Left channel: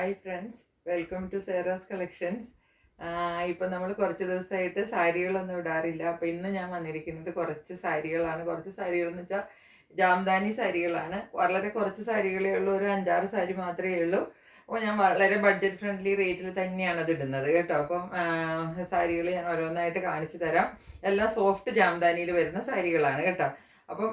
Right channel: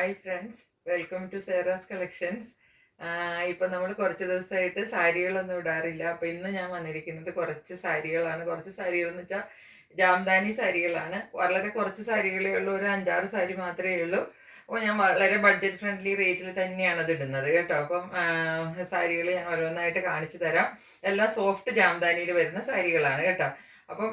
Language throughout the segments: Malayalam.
Hi friends, welcome to Sera's collections. ഇപ്പം നമ്മൾ കുറച്ച് ദിവസമായിട്ട് സാരികളൊന്നും ഇടാറില്ല. അപ്പോൾ ഇന്ന് ഞാൻ വന്നിരിക്കുന്നത് കുറച്ച് സാരികളാണ്. കുറച്ച് സാരികളെന്ന് വെച്ചാൽ ജാംദാനി സാരികളാണ്. വളരെ കുറച്ച് സാരികളേ ഉള്ളൂ, ഒരു 5-6 സാരി മാത്രമേ ഉള്ളൂ. അപ്പോൾ ഞാൻ വളരെ ബഡ്ജറ്റ് ഫ്രണ്ട്ലി റേറ്റിൽ തന്നെയാണ് അത് ഇടുന്നത് കേട്ടോ. അപ്പം സാരികൾ ഞാൻ ഓരോന്നായിട്ട് കാണിച്ചു തരാം. എല്ലാം സോഫ്റ്റ് ജാംദാനിയിൽ വരുന്ന സാരികളാണ് കേട്ടോ. അപ്പം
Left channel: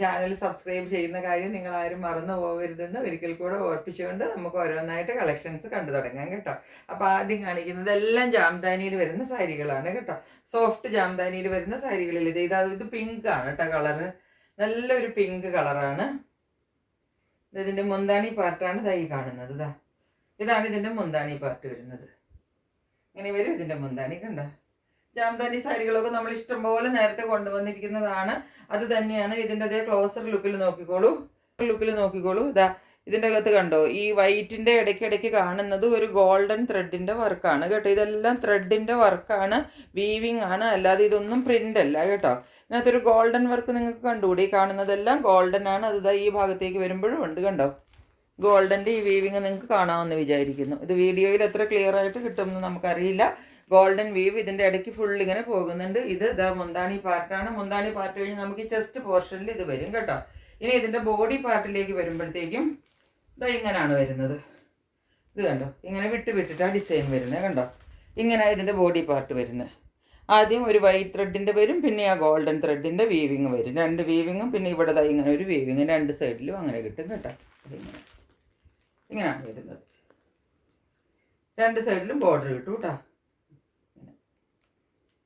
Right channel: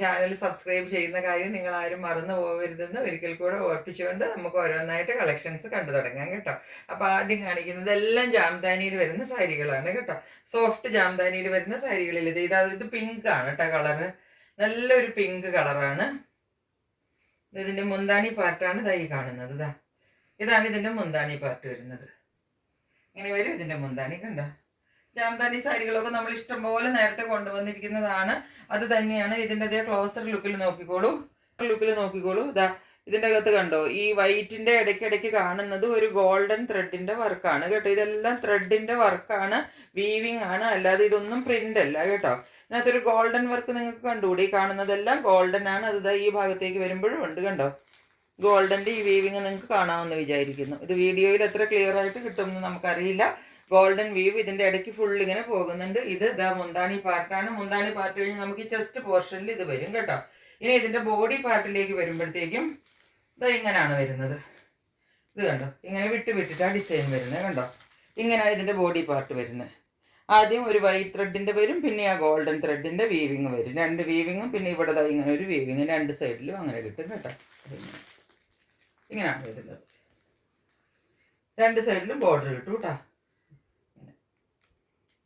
ചാനൽ സബ്സ്ക്രൈബ് ചെയ്യുന്ന കാര്യം നിങ്ങൾ ആരും മറന്നു പോകരുതെന്ന് ഒരിക്കൽ കൂടെ ഓർപ്പിച്ചുകൊണ്ട് നമുക്ക് ഓരോന്നായിട്ട് കളക്ഷൻസ് കണ്ടു തുടങ്ങാം കേട്ടോ. അപ്പോൾ ആദ്യം കാണിക്കുന്നത് എല്ലാം ജാംദാനിയിൽ വരുന്ന സാരികളാണ് കേട്ടോ. സോഫ്റ്റ് ജാംദാനിയിൽ വരുന്ന സാരികളിൽ ഇത് പിങ്ക് ആണ് കേട്ടോ. കളറ് നല്ലൊരു പിങ്ക് കളറാണ്. ഇതിൻ്റെ മുന്താണി പാർട്ടാണ് ഇതായി കാണുന്നത്. ഇതാണ് ഇതിൻ്റെ മുന്താണി പാർട്ട് വരുന്നത്. ഇങ്ങനെ വരും ഇതിൻ്റെ മുന്താണി. കണ്ടോ, ജാംദാനി സാരികളൊക്കെ നമ്മൾ ഇഷ്ടംപോലെ നേരത്തെ കൊണ്ടുവന്നിരിക്കുന്നതാണ്. അത് തന്നെയാണ് ഇതിൻ്റെ അതേ ക്ലോസർ ലുക്കിൽ നോക്കിക്കോളൂ. ഇതിൻ്റെ അകത്ത് കണ്ടോ, ഈ വൈറ്റിൻ്റെ ഇടയ്ക്കിടയ്ക്ക് കാണുന്നത് ഒരു ഗോൾഡൻ ത്രെഡിൻ്റെ വർക്കാണ് കേട്ടോ. ഇതെല്ലാം ത്രെഡിൻ്റെ വർക്കാണ്, വീവിങ് ആണ്, അല്ലാതെ ഇതൊന്നും പ്രിൻ്റ് അല്ല കേട്ടോ. ഇതിനകത്തൊരു ഗോൾഡൻ വർക്ക് നിങ്ങൾക്ക് കണ്ടുകൂടി. കാണുന്നതെല്ലാം ഗോൾഡൻ ആണ്. അത് ഈ ഭാഗത്തേക്ക് വരുമ്പോഴും ഉണ്ട് കണ്ടോ. ഗോൾഡൻ്റെ ഈ വീവിങ് നിങ്ങൾക്ക് കാണാമെന്ന് വിചാരിക്കുന്നു. ഇത് വീഡിയോയിൽ എത്ര ക്ലിയർ ആയിട്ട് കിട്ടുമെന്ന് നമുക്കറിയില്ല. ഗോൾഡൻ വീവ് ഇതിൻ്റെ ഇടയ്ക്ക് ഫുൾ ഇങ്ങനെ പോകുന്നുണ്ട്. ഇത് മുന്താണി പാർട്ടാണ്. മുന്താണി പാർട്ട് കഴിഞ്ഞ് നമുക്ക് ഈ ചെസ്റ്റ് പോർഷനിൽ ഇത് വരും കേട്ടോ. ഇനി ഇതിൻ്റെ ബോഡി പാർട്ടിലേക്ക് വരുമ്പോഴത്തേക്കും ഇങ്ങനെയാണ് വരുന്നത്. ഇത് കണ്ടോ, ഇങ്ങനെ വിട്ടിട്ടാണ് ഡിസൈൻ വരുന്നത് കണ്ടോ. ഇങ്ങനെയാണ് ഇതിൻ്റെ ബോഡി പാർട്ട് വരുന്നത്. ആദ്യം ഒരു വൈറ്റ് ത്രെഡിൻ്റെ വരും, പിന്നെ ആ ഗോൾഡൻ ത്രെഡിൻ്റെ വീവിങ് വരും. 2 വീവിങ്ങും പിന്നെ ഇവിടെ ഇങ്ങനെ ഒരു വീവിങ് 2 സൈഡിലും അങ്ങനെ കിട്ടും കേട്ടോ. ഇങ്ങനെയാണ് വരുന്നത്. 2 സൈഡിലും ബോർഡർ കിട്ടും കേട്ടോ.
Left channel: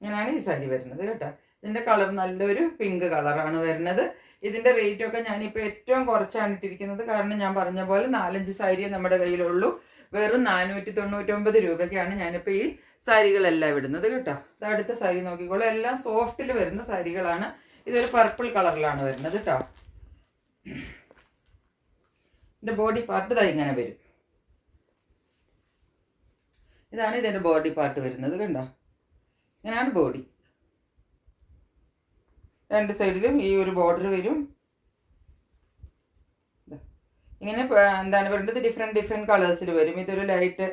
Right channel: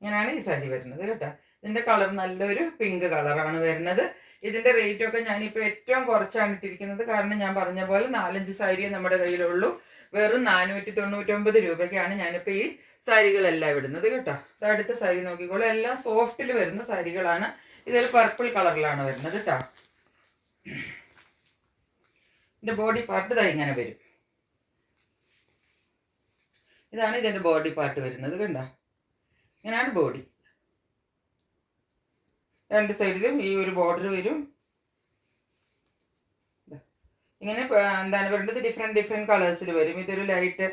ഇങ്ങനെയാണ് ഈ സാരി വരുന്നത് കേട്ടോ. ഇതിൻ്റെ കളർ നല്ലൊരു പിങ്ക് കളറാണ് വരുന്നത്. ഇതിൻ്റെ റേറ്റൊക്കെ ഞാനിപ്പോൾ ഏറ്റവും കുറച്ചാണ് ഇട്ടിരിക്കുന്നത്. കാരണം ഞാൻ പറഞ്ഞ പോലെ 4-5 സാരിയെ നമ്മുടെ കയ്യിലുള്ളൂ. വെറും 499 രൂപയ്ക്കാണ് ഞാനിപ്പോൾ ഈ സാരികളെല്ലാം ഇടുന്നത് കേട്ടോ. അടുത്ത സാരി നോക്കിക്കോളൂ. എല്ലാം സോഫ്റ്റിൽ വരുന്ന സാരികളാണ്. ഇതൊരു പർപ്പിൾ കളറിലാണ് വരുന്നത് കേട്ടോ. ഇതിൻ്റെ ബോഡി പാർട്ട് ഇങ്ങനെ വരും. ഇതാണ് ഇതിൻ്റെ ബോഡി പാർട്ട് വരുന്നത് കണ്ടോ. ഇങ്ങനെയാണ് ബോഡി. 2 സൈഡിലും ഈ ഒരു ബോർഡർ വരും. ഇങ്ങനെ എന്താണ് പറയുന്നത്, ഡിഫറെൻറ്റ് കളേഴ്സിൽ വരും. ഇതൊരു ലൈറ്റ്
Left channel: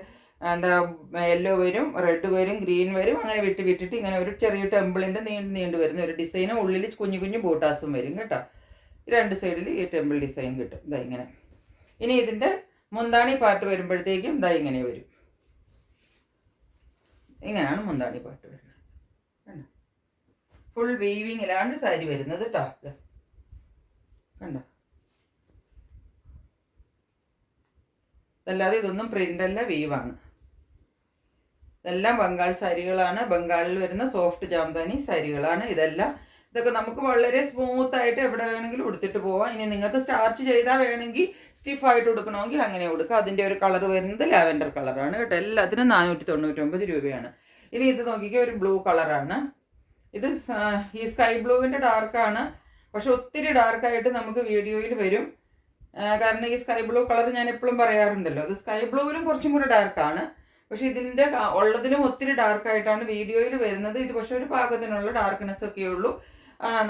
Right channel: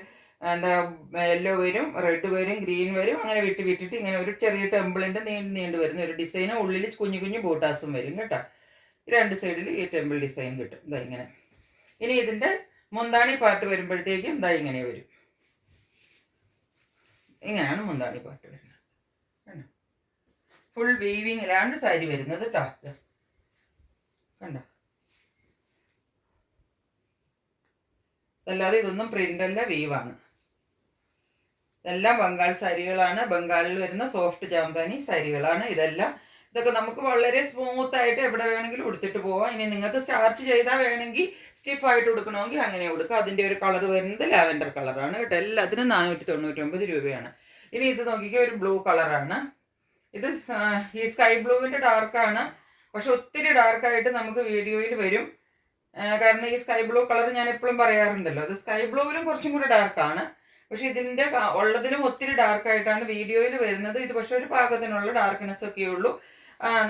യെല്ലോ വരും, റെഡ് വരും, ഗ്രീൻ വരും. അങ്ങനെ വിട്ടിട്ട് ഇങ്ങനെ ഒരു ചെറിയ ടെമ്പിളിൻ്റെ നീണ്ടു വരുന്ന ഒരു ഡിസൈന്. ഉള്ളിൽ കുഞ്ഞു ബൂട്ടാസും വരും കേട്ടോ. 2 സൈഡിൽ ഈ ടെമ്പിൾ ഡിസൈൻ കിട്ടും. ഇങ്ങനെ. ഇനി ഇതിൻ്റെ മുന്താണി പാർട്ട് വരുമ്പോഴത്തേക്കും ഇങ്ങനെ വരും. ഇങ്ങനെയാണ് മുന്താണി പാർട്ട് വരുന്നത്. ഫുൾ വീവിങ്ങിലാണ് സാരി വരുന്നത് കേട്ടോ. കണ്ടോ, അതല്ലാതെ ഇതൊന്നും പ്രിന്റ് അല്ല, വീവാണ്. ഇതെല്ലാം ബംഗാൾ സാരികളാണ്. ബംഗാളിൽ വരുന്ന സോഫ്റ്റ് ജാംദാനി സാരികളാണ് ഇതെല്ലാം. ഇതൊക്കെ നമുക്ക് വളരെ സ്മൂത്ത് ആയിട്ട് എവിടെ വേണമെങ്കിലും ഉടുത്തിട്ട് പോവാം. ഇനി നിങ്ങൾക്ക് സ്റ്റാർച്ച് ചെയ്താൽ വേണമെങ്കിൽ സ്റ്റിഫായിട്ട് ഉടുക്കണമെങ്കിൽ അങ്ങനെ ഉടുക്കുക. അതിൻ്റെ ഒരു കളർ വരുന്നത് ലാവൻഡർ കളറാണ് കേട്ടോ. എല്ലാത്തിനും 499 രൂപയാണ്. ഇനി ഇത് നോക്കിക്കുക, ഒരു ബ്ലൂ കളറാണ്. ഇത് ഈ സ്കൈ ബ്ലൂവിൻ്റെ ഡാർക്കാണ്. പക്ഷെ ഒത്തിരി ഡാർക്കായിട്ട് നമുക്ക് വീഡിയോയിൽ വരും. കാരണം ഈ സ്കൈ ബ്ലൂ കളർ ഞാൻ എപ്പോഴും പറയാറുണ്ടല്ലോ, അത് സ്കൈ ബ്ലൂവിലും കുറച്ചും കൂടെ ഡാർക്കാണ്. പക്ഷെ ഇതിൻ്റെ ഉള്ളതിലും ഒത്തിരി ഡാർക്കായിട്ടാണ് വീഡിയോയിൽ വരുന്നത്. ഇത് പക്ഷെ ഒരു പാകത്തിനുള്ള ഡാർക്ക്നെസ് ഒക്കെ ഉള്ളൂ.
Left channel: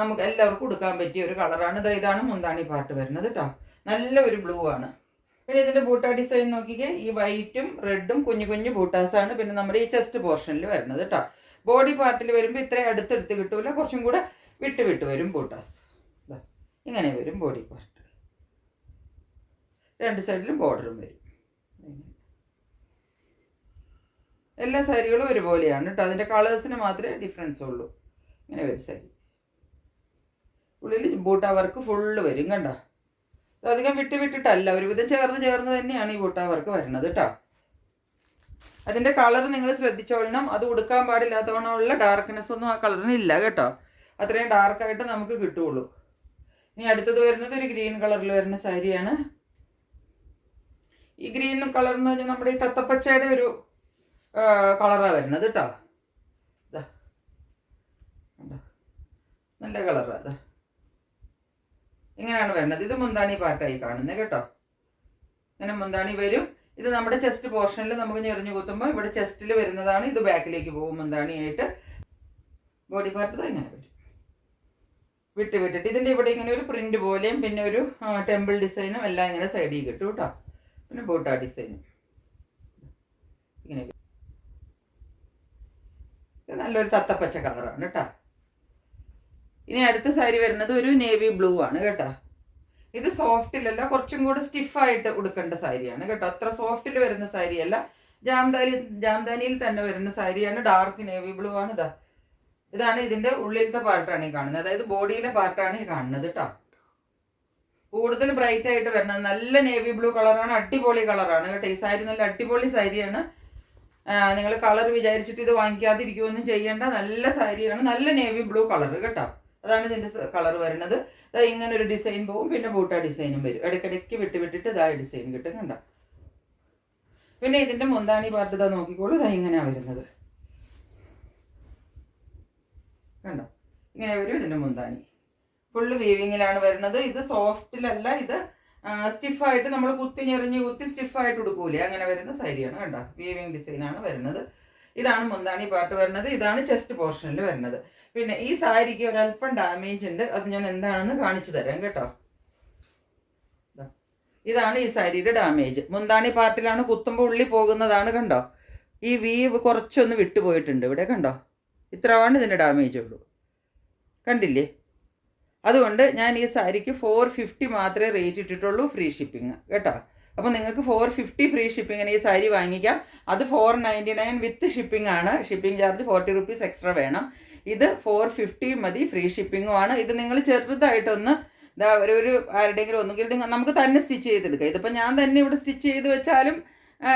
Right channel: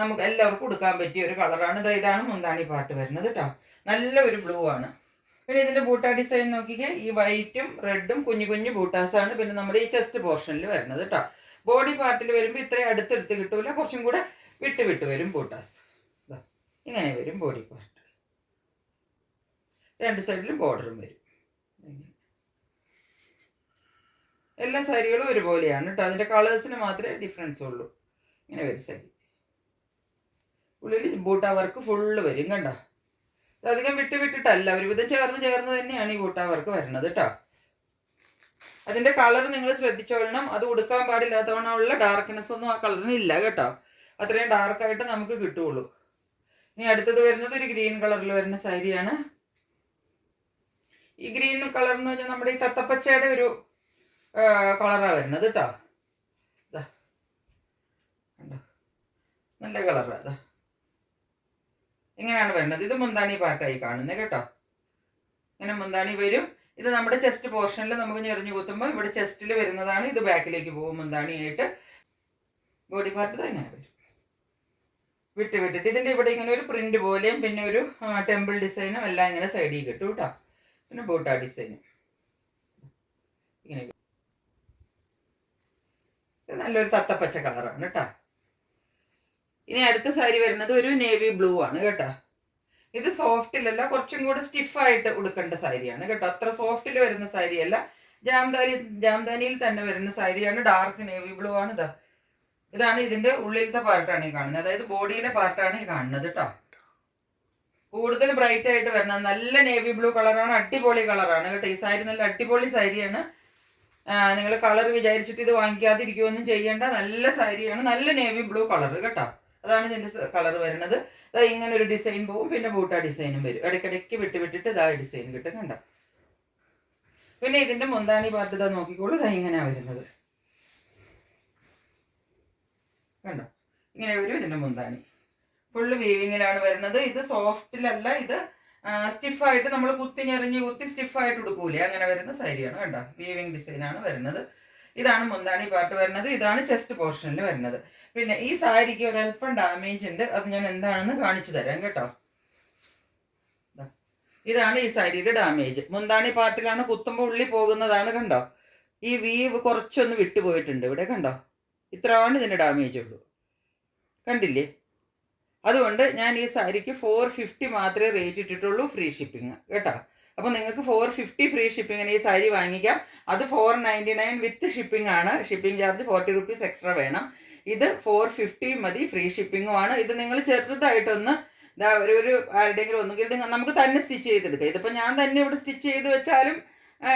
നമുക്ക് എല്ലാവർക്കും കൊടുക്കാൻ പറ്റിയ ഒരു കളറാണ്. ഇതാണ് മുന്താണി പാർട്ട് വരുന്നത് കേട്ടോ. നല്ല ഒരു ബ്ലൂ ആണ്. പിന്നെ ഇതിൻ്റെ ബൂട്ട ഡിസൈൻ നോക്കിക്കേ, ഈ വൈറ്റും റെഡും കുഞ്ഞു ബൂട്ടാസാണ്. പിന്നെ നമ്മുടെ ഈ ചെസ്റ്റ് പോർഷനിൽ വരുന്നത് കേട്ടോ. ബോഡി പാർട്ടിൽ വരുമ്പോൾ ഇത്രയും അടുത്തെടുത്ത് കിട്ടൂല, കുറച്ചും കൂടെ വിട്ട് വരും ബൂട്ടാസ്. ഇങ്ങനെ വരും ബോഡി പാർട്ട്. 2 സൈഡിലും ബോർഡറും വരും. എല്ലാ സാരികളും ഒരുപോലെയാണ് കേട്ടോ. അതിൻ്റെ കളേഴ്സിന് മാത്രമേ ഡിഫറൻസ് ഉള്ളൂ. ഇങ്ങനെ വരും സാരി. ഉള്ളിൽ ബൂട്ട വർക്ക് ഫുള്ള് വരും കണ്ടോ. അധികം വിട്ടിട്ടല്ല, ഒരുവിധം ചേർന്ന് തന്നെയാണ് ഈ ബൂട്ട വർക്ക് വരുന്നത് കേട്ടോ. അതിൻ്റെ കളർ നിങ്ങൾ ശ്രദ്ധിച്ചോളണം. അത് ഉടുക്കാൻ പാടില്ലാത്തവണ്ണമുള്ള ഡാർക്ക്നെസ് ഒന്നും ആ കളറിന് ഇല്ല കേട്ടോ. അത്രയും ഡാർക്കായിട്ട് നമുക്ക് കിട്ടുള്ളൂ. ഇനി അടുത്തത് വരുന്നത് ഒരു ഗ്രീൻ കളറിൽ വരുന്ന സാരിയാണ്. ഈ ഗ്രീൻ കളർ എന്ന് പറഞ്ഞാൽ നമ്മുടെ ഈ തത്തപ്പച്ചയുടെ ഒരു കളറാണ് വരുന്നത് കേട്ടോ. കണ്ടോ, നല്ല കളറാണ്. ഇങ്ങനെയാണ് വരുന്നത്. ഇത് മുന്താണി പാർട്ടായി കാണുന്നത് കേട്ടോ. ഇങ്ങനെ മുന്താണി വരും. ഇത് നമ്മുടെ ചെസ്റ്റ് പോർഷനിൽ നമുക്ക് ഞെറിഞ്ഞു കുത്തുമ്പോൾ ഇവിടെ ചെസ്റ്റിൽ വരുന്നതാണ്. ഇത് ബാക്കിലേക്ക് പോകും മുന്താണിയായിട്ട്. ബോഡി പാർട്ട് ഇങ്ങനെ വരും. വിട്ടിട്ട് ഇതിൻ്റെ ഇവിടെ ഇങ്ങനെ ഒരു പ്രിന്റ് പോലെയും പിന്നെ ഒരു ടെമ്പിൾ ഡിസൈനും എല്ലാം ഇങ്ങനെ സൈഡിൽ കിട്ടും കേട്ടോ. പിന്നെ ബൂട്ട ഡിസൈനും ഇങ്ങനെ ഇത് നല്ലൊരു തത്തപ്പച്ച കളറാണ് കേട്ടോ. ഇനി അടുത്ത സാരി വരുന്നത് ഒരു നേവി ബ്ലൂ ആണ് കേട്ടോ. ഇത് സോഫ്റ്റിലല്ല, കുറച്ചും കൂടെ സ്റ്റിഫായിട്ട് ഉടുക്കേണ്ട സാരിയാണ് കേട്ടോ. അത്ര സോഫ്റ്റിൽ വരുന്ന സാരിയല്ല, ജാംദാനിയിൽ തന്നെ വരുന്ന സാരിയാണ്. ഡാർക്ക് നേവി ബ്ലൂ ആണ്. ഇതാണ് ഇതിന്റെ ഉള്ളിലത്തെ പാർട്ടാണ് ഈ കാണുന്നത്, അതായത് ബോഡിയിലെ പാർട്ടാണ് ഈ കാണുന്നത് കേട്ടോ. കൂടുതൽ ബ്രൈറ്റ് ആയിട്ട് വരുന്നത് നല്ല നേവി ബ്ലൂ കളറാണ്, അടിപൊളി കളറാണ് കേട്ടോ. ഈ സാരി നല്ല അടിപൊളി സാരിയാണ്. നിങ്ങൾ കളർ വിചാരിച്ചിട്ട് ഇത് വാങ്ങിക്കാതിരിക്കുകയൊന്നും ചെയ്യേണ്ട, നല്ല സാരിയാണ്, നല്ല നേവി ബ്ലൂ കളർ കേട്ടോ. അതാണ് ഇതിന്റെ കളർ വരുന്നത്. ഇങ്ങനെ ഒരു ഡിസൈൻ പോവും, പിന്നെ ബൂട്ട ഡിസൈനും വരും. ഇടയ്ക്കിടയ്ക്ക് വിട്ടിട്ട് ഇതാ ഡിസൈൻ കിട്ടും കണ്ട. പിന്നെ ഇതിന്റെ മുന്താണി പാർട്ട് ഇതാ നോക്കിക്കോളൂ, ഇതാ ഇങ്ങനെയാ വരുന്നത് കണ്ടോ. ഇങ്ങനെ വരും ഇതിന്റെ മുന്താണി. ഫുള്ള് വീവിങ്ങിലാണ് വരുന്നത്. ഇത് സോഫ്റ്റിലല്ല, ഇത് സ്റ്റിഫായിട്ട് നമ്മൾ കുത്തി സ്റ്റിഫായിട്ട് ഉടുക്കൂലേ, അങ്ങനെ വരുന്ന സാരിയാണ് കണ്ടോ. വീവിങ് ഡിസൈനാണ് വരുന്നത്. ഇതാണ് മുന്താണി പാർട്ട് വരുന്നത്. ഇതാണ് ചെസ്റ്റ് പോർഷനിൽ വരുന്നത്. പിന്നെ ഈ സാരിക്ക് ഒരല്പം ഡാമേജ് ഉണ്ട്, അത് ഞാൻ എന്താണെന്ന് കാണിച്ചു തരാം കേട്ടോ. ഇതാണ് ഈ സാരിയുടെ ഡാമേജ്. മുന്താണി പാർട്ടിലാണ്, കുത്തുമ്പോൾ ഉള്ളി പോകുന്നതാണ് കണ്ടോ. ഈ വീവ് കുറച്ചൊന്ന് വിട്ടുപോയിട്ടുണ്ട് ഇവിടെ കണ്ടോ. ഇത്രയാണ് ഇതിൻ്റെ ഡാമേജ് ഉള്ളൂ, കണ്ടില്ലേ. അതുകൊണ്ട് ഞാൻ ഈ സാരിക്ക് 450 മാത്രമേ റേറ്റ് ഇട്ടിട്ടുള്ളൂ, ഫ്രീ ഷിപ്പിംഗ് കേട്ടോ. അപ്പോൾ നിങ്ങൾക്ക് 450 ഫ്രീ ഷിപ്പിങ്ങിന് ഈ സാരി വാങ്ങിക്കാം. അത് 499 വിത്ത് ഷിപ്പിംഗ് ആണ്. ഷിപ്പിംഗ് ചാർജ് 40 റുപ്പീസ് എക്സ്ട്രാ വേണം. ഇത് 450 മതി, ഫ്രീ ഷിപ്പിങ്ങും ആണ്. ഇത് നിങ്ങൾ ചെറുതായിട്ടൊന്ന് ഒരു ആരുടെയെങ്കിലും ഒന്നുകിൽ നമുക്ക് തന്നെ സ്റ്റിച്ച് ചെയ്തെടുക്കാം. ഇതിപ്പോൾ ഞാൻ തന്നെ ഇവിടെ സ്റ്റിച്ച് ചെയ്ത് വെച്ചാലും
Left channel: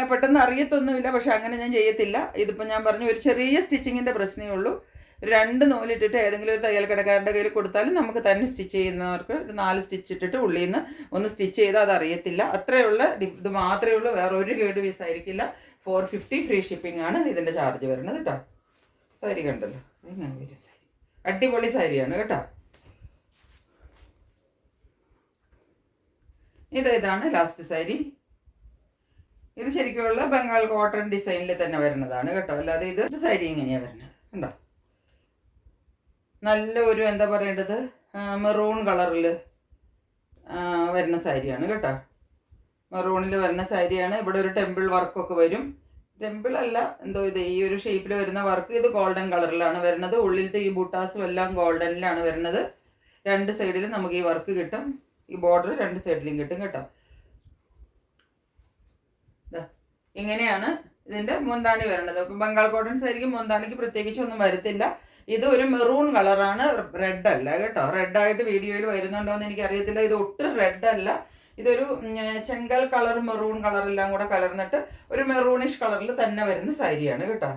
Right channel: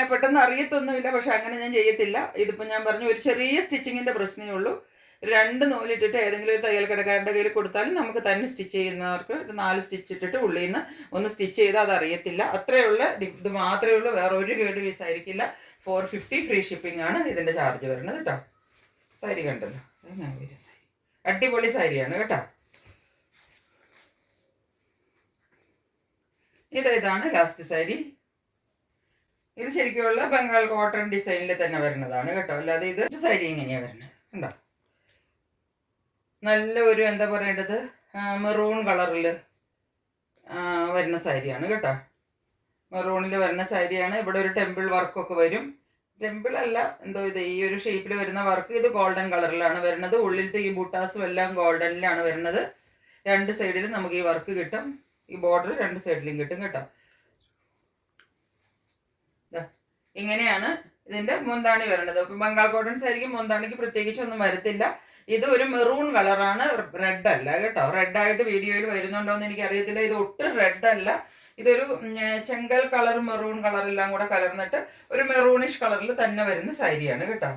പെട്ടെന്ന് അറിയത്തൊന്നുമില്ല, പക്ഷെ അങ്ങനെ ഞാൻ ചെയ്യത്തില്ല. ഇതിപ്പോൾ ഞാൻ പറഞ്ഞു ഒരു ചെറിയ സ്റ്റിച്ചിങ്ങിൻ്റെ പ്രശ്നമേ ഉള്ളൂ. 2 നൂലിട്ടിട്ട് ഏതെങ്കിലും ഒരു തയ്യൽ കടക്കാരുടെ കയ്യിൽ കൊടുത്താലും നമുക്ക് തന്നെ സ്റ്റിച്ച് ചെയ്യുന്നവർക്ക് 4 സ്റ്റിച്ച് ഇട്ടിട്ട് ഉള്ളിൽ നിന്ന് ഒന്ന് സ്റ്റിച്ച് ചെയ്താൽ അത് അറിയത്തില്ല. അത്രയുള്ള ഇത് മാത്രമേ ഉള്ളൂ, വേറെ ഒരു കേട് പീസ് ആയിരിക്കില്ല. 450 ഫ്രീ ഷിപ്പിംഗ് ആണ് ഇതിൻ്റെ ചാർജ് വരുന്നത് കേട്ടോ. സാരി കണ്ടല്ലോ, സാരി അടിപൊളി സാരിയാണ് കേട്ടോ. ഇതാണ് ലാസ്റ്റ് സാരി. ഇത് ശരിക്കുള്ള ബംഗാൾ കോട്ടൺ ഡിസൈനിൽ തന്നെ വരുന്നതാണ് കേട്ടോ. അല്ലാതെ ഇത് സാരി ഇങ്ങനെയാണ് വരുന്നത് കണ്ടോ. നല്ല ഒരു എന്താ പറയേണ്ടത്, മെറൂൺ കളറിൽ വരുന്ന സാരിയാണ് കേട്ടോ. മെറൂണിൽ വരുന്ന സാരിയാണ്. ഇവിടെ ഒരു ടെമ്പിൾ വർക്കൊക്കെ വരും. ടെമ്പിൾ അല്ല, എന്തോ ഇത് ഈ ഒരു ഷേപ്പിൽ വരുന്ന വർക്ക്. ഇത് ഗോൾഡൻ കളറിലാണ് വരുന്നത്. ഉള്ളിലത്തെ ഈ ബൂട്ടാസും എല്ലാം ഗോൾഡനിലാണ് വരുന്നത്. 2 സൈഡിലും നമുക്ക് ഈ വർക്ക് കിട്ടും. ഈ ബോർഡർ 2 സൈഡിലും കിട്ടും കേട്ടോ. ഇങ്ങനെയാണ് ഇതിന്റെ മുന്താണി വരുന്നത്. അപ്പം ബംഗാൾ കോട്ടൺ സാരിക്ക് മുന്താണിക്ക് പ്രത്യേകിച്ചൊന്നും വരത്തില്ല. ഇത് ഒരു മെറൂൺ കളറാണ്, റെഡ് അല്ല കേട്ടോ. റെഡായിട്ട് വീഡിയോയിൽ വരുന്നുണ്ടോ എന്ന് എനിക്കറിയത്തില്ല. ഇത് ഒട്ടും റെഡ് അല്ല, ഇതൊരു ചെങ്കൽ കളർ മെറൂൺ കളറെല്ലാം കൂടെ കലർന്നിട്ട് ഒരു മെറൂണിഷ് കളറിൽ തന്നെ വരുന്ന സാരിയാണ് കേട്ടോ.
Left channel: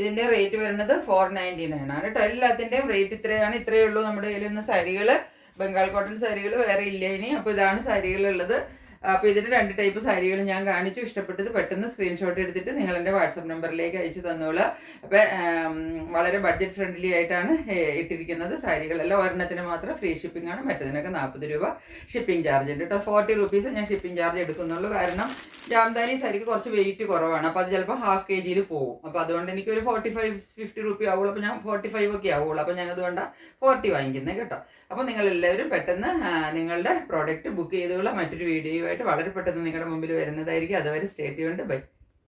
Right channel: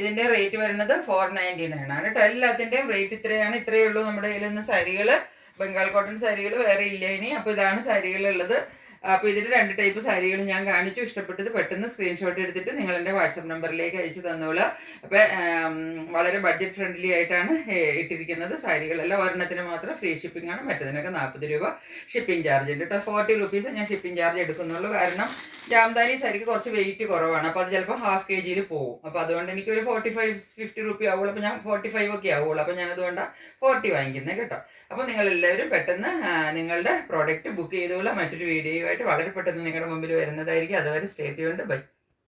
ഇതിന്റെ റേറ്റ് വരുന്നത് 499 ആണ് കേട്ടോ. എല്ലാത്തിന്റെയും റേറ്റ് ഇത്രയാണ്. ഇത്രയേ ഉള്ളൂ നമ്മുടെ കയ്യിൽ നിന്ന് സാരികൾ. ബംഗാൾ കോട്ടൺ സാരികൾ വേറെ ഇല്ല ഇനി. അപ്പോൾ ഇതാണ് സാരികളുള്ളത്. അപ്പോൾ ഇതിന് 2 ടൈപ്പ് സാരികൾ ഞാൻ കാണിച്ചു. ഇഷ്ടപ്പെട്ടത് പെട്ടെന്ന് സ്ക്രീൻഷോട്ട് എടുത്തിട്ട് നിങ്ങൾ എൻ്റെ വാട്സപ്പ് നമ്പറിലേക്ക് അയച്ചു തന്നോളൂ. അപ്പോൾ വളരെ ബഡ്ജറ്റ് ഫ്രണ്ട്ലി ആയിട്ടാണ് ഇട്ടിരിക്കുന്നത് സാരികളെല്ലാം. ഒരെണ്ണത്തിന് മാത്രം ഫ്രീ ഷിപ്പിംഗ് ആണ്, മറ്റതിനൊക്കെ 40 രൂപ ഷിപ്പിംഗ് ചാർജ് ഉണ്ട് കേട്ടോ. 40 റുപ്പീസ് ഞാൻ ഷിപ്പിംഗ് ചാർജ് എടുക്കുന്നുള്ളൂ. കാരണം ജാംദാനി സാരിക്ക് കുറച്ച് വെയിറ്റ് കുറവാണ്. അപ്പോൾ അത് ചിലപ്പോൾ ½ kg പോകും. അപ്പോൾ അതുകൊണ്ട് എനിക്കൊരു 45-50 റുപ്പി ആവുള്ളൂ. അപ്പോൾ ഞാൻ 45 ഒക്കെ ആവുള്ളൂ. അപ്പോൾ ഞാനതുകൊണ്ടാണ് 40 വാങ്ങിക്കുന്നത് കേട്ടോ. അപ്പോൾ നിങ്ങളെല്ലാവരും പെട്ടെന്ന് നിങ്ങളുടെ പ്രോഡക്റ്റ് ബുക്ക് ചെയ്തോളൂ. മറ്റൊരു വീഡിയോയുമായിട്ട് വളരെ പെട്ടെന്ന് നിങ്ങളുടെ മുമ്പിൽ വരുന്നതായിരിക്കും. അതുവരെ സ്റ്റേ ട്യൂൺഡ്. ബൈ.